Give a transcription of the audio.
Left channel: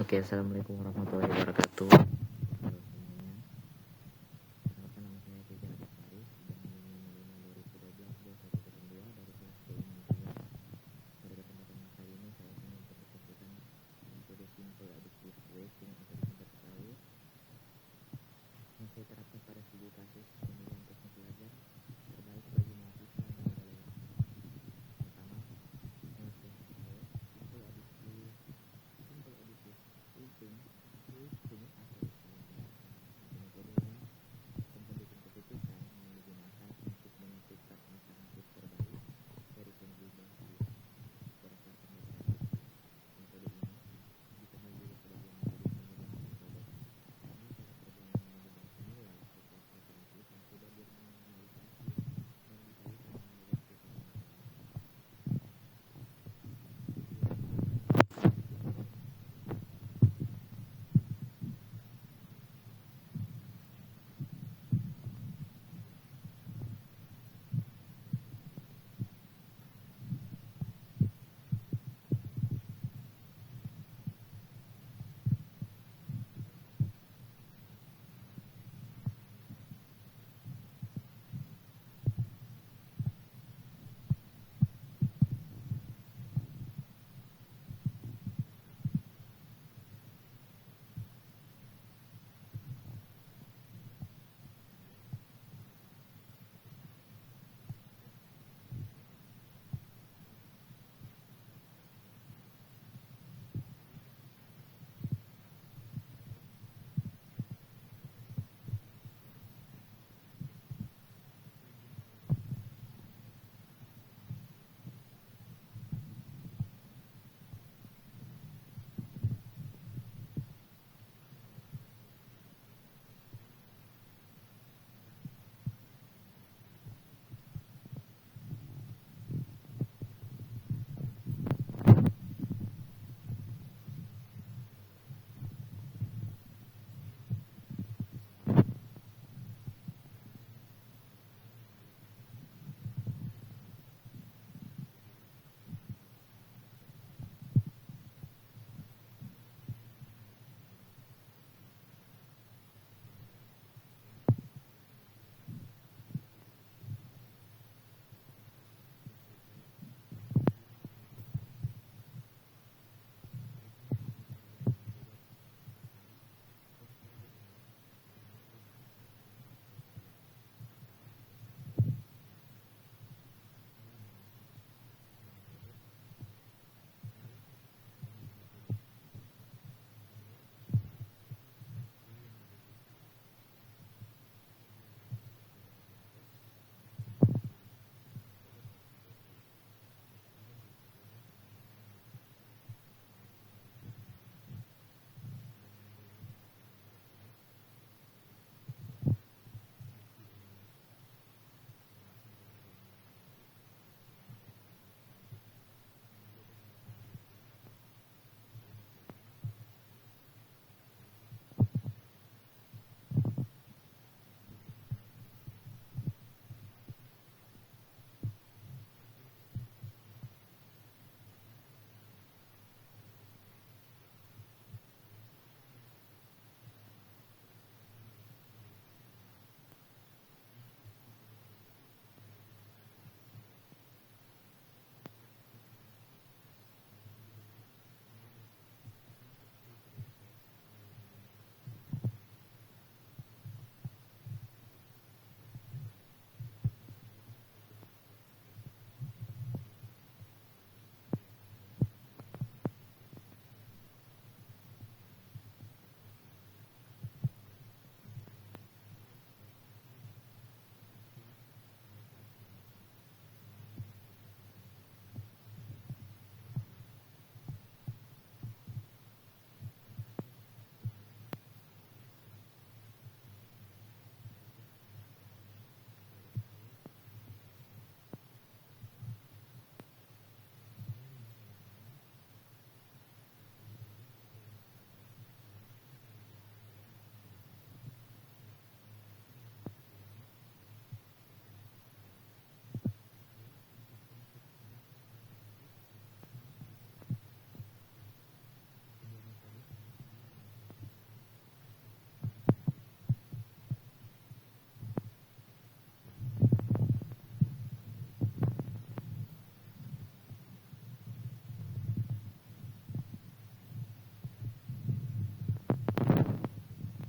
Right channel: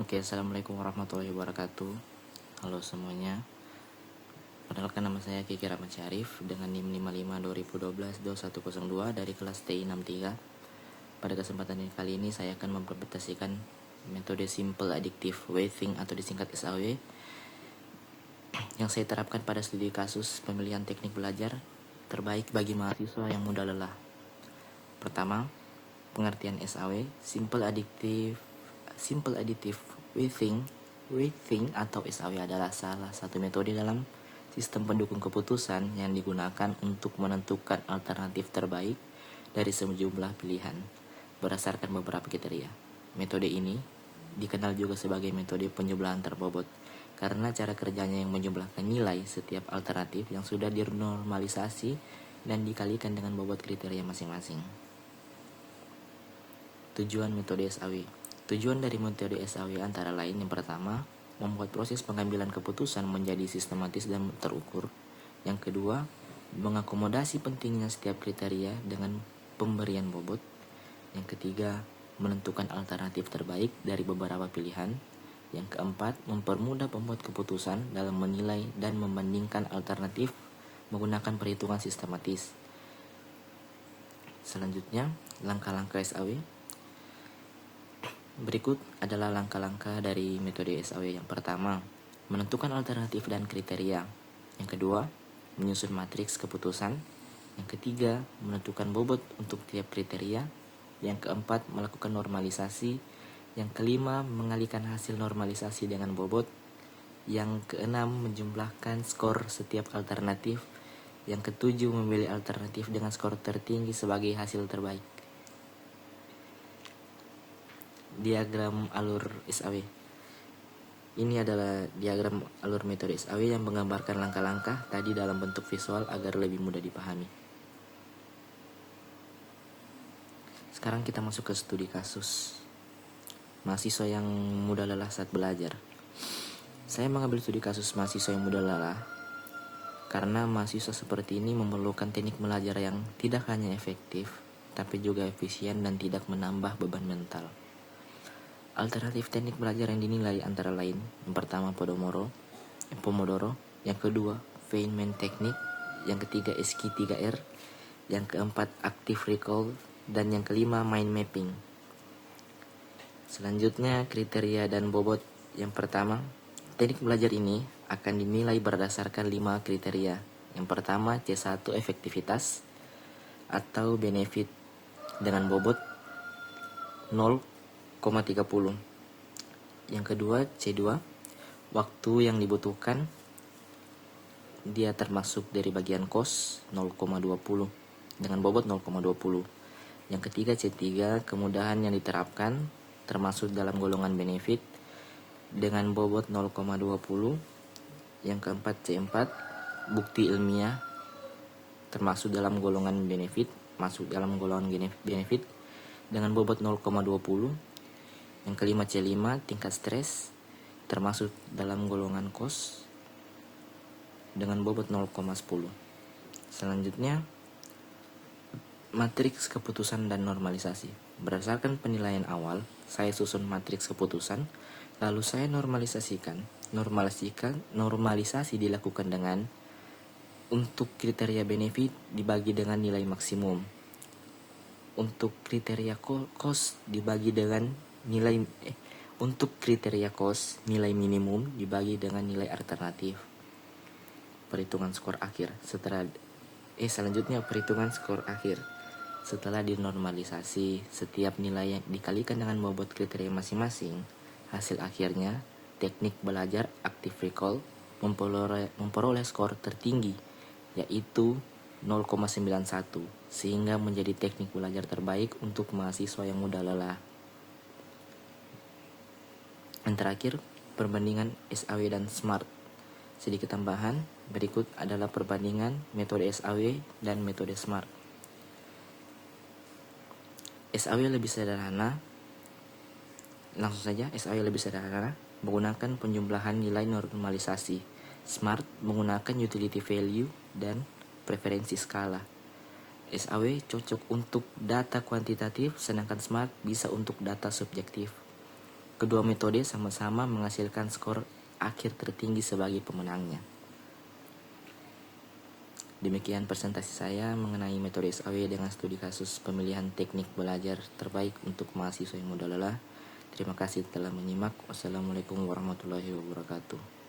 Oke, assalamualaikum warahmatullahi wabarakatuh. Halo semuanya. Perkenalkan, nama saya Kiki Rahmat Syarif dengan NIM 55 2012 2102 dari kelas TI 63. Pada kesempatan kali ini saya akan mempresentasikan metode Simple Additive Weighting atau disingkat SAW yang saya terapkan pada studi kasus pemilihan teknik belajar terbaik bagi mahasiswa yang mudah lelah. Pertama, pengertian SAW. Simple Additive Weighting atau SAW adalah salah satu metode dalam sistem pendukung keputusan yang digunakan untuk menentukan alternatif terbaik dari sejumlah pilihan berdasarkan beberapa kriteria. Metode ini dikenal juga sebagai metode penjumlahan terbobot karena cara kerjanya yang menjumlahkan nilai setiap alternatif yang sudah dinormalisasi dan dikalikan dengan bobot kriteria masing-masing. Tujuan metode SAW. Tujuan dari metode SAW antara lain yang pertama, membuat proses pengambilan keputusan menjadi sistematis dan terukur. Yang kedua, mengakomodasi pentingnya setiap kriteria dengan pemberian bobot. Yang ketiga, menentukan alternatif terbaik dari beberapa pilihan. Yang keempat, mempermudah pembuat keputusan dalam menilai dan membandingkan alternatif menggunakan perhitungan sistematis. Selanjutnya, langkah-langkah SAW. Berikut adalah langkah-langkah dari metode SAW. Yang pertama, menentukan alternatif dan kriteria. Yang kedua, menyusun matriks keputusan. Yang ketiga, menentukan bobot untuk tiap kriteria. Yang keempat, melakukan normalisasi. Yang kelima, mengalihkan hasil normalisasi dengan bobot. Yang keenam, menjumlahkan skor setiap alternatif. Yang ketujuh, memilih alternatif dengan skor tertinggi sebagai hasil terbaik. Diagram alur SAW. Ini adalah diagram alur metode SAW yang menggambarkan langkah-langkah tadi dalam bentuk visual agar lebih mudah dipahami. Sekarang kita masuk ke studi kasus mahasiswa yang mudah lelah saat belajar. Saya mengambil studi kasus mahasiswa yang mudah lelah karena mahasiswa seperti ini memerlukan teknik belajar yang tidak hanya efektif, tapi juga efisien dan tidak menambah beban mental. Alternatif teknik belajar yang dinilai antara lain, yang pertama Pomodoro, yang kedua Feynman Technique, yang ketiga SQ3R, yang keempat Active Recall, dan yang kelima Mind Mapping. Selanjutnya, kriteria dan bobot. Yang pertama, teknik belajar ini akan dinilai berdasarkan 5 kriteria. Yang pertama, C1 efektivitas atau benefit dengan bobot 0,30. Yang kedua, C2, waktu yang dibutuhkan, dia termasuk dari bagian cost 0,20 dengan bobot 0,20. Yang ketiga, C3, kemudahan yang diterapkan, termasuk dalam golongan benefit dengan bobot 0,20. Yang keempat, C4, bukti ilmiah, termasuk dalam golongan benefit, dengan bobot 0,20. Yang kelima, C5, tingkat stres, termasuk dalam golongan cost dengan bobot 0,10. Selanjutnya, matriks keputusan dan normalisasi. Berdasarkan penilaian awal, saya susun matriks keputusan, lalu saya normalisasikan. Normalisasi dilakukan dengan untuk kriteria benefit dibagi dengan nilai maksimum. Untuk kriteria cost dibagi dengan untuk kriteria cost nilai minimum dibagi dengan nilai alternatif. Perhitungan skor akhir. Selanjutnya perhitungan skor akhir. Setelah dinormalisasi, setiap nilai yang dikalikan dengan bobot kriteria masing-masing, hasil akhirnya teknik belajar Active Recall memperoleh skor tertinggi, yaitu 0,91, sehingga menjadi teknik belajar terbaik untuk mahasiswa yang mudah lelah. Yang terakhir, perbandingan SAW dan SMART. Sedikit tambahan, berikut adalah perbandingan metode SAW dan metode SMART. SAW lebih sederhana. Langsung saja, SAW lebih sederhana menggunakan penjumlahan nilai normalisasi. SMART menggunakan utility value dan preferensi skala. SAW cocok untuk data kuantitatif, sedangkan SMART bisa untuk data subjektif. Kedua metode sama-sama menghasilkan skor akhir tertinggi sebagai pemenangnya. Demikian presentasi saya mengenai metode SAW dengan studi kasus pemilihan teknik belajar terbaik untuk mahasiswa yang muda lelah. Terima kasih telah menyimak. Wassalamualaikum warahmatullahi wabarakatuh.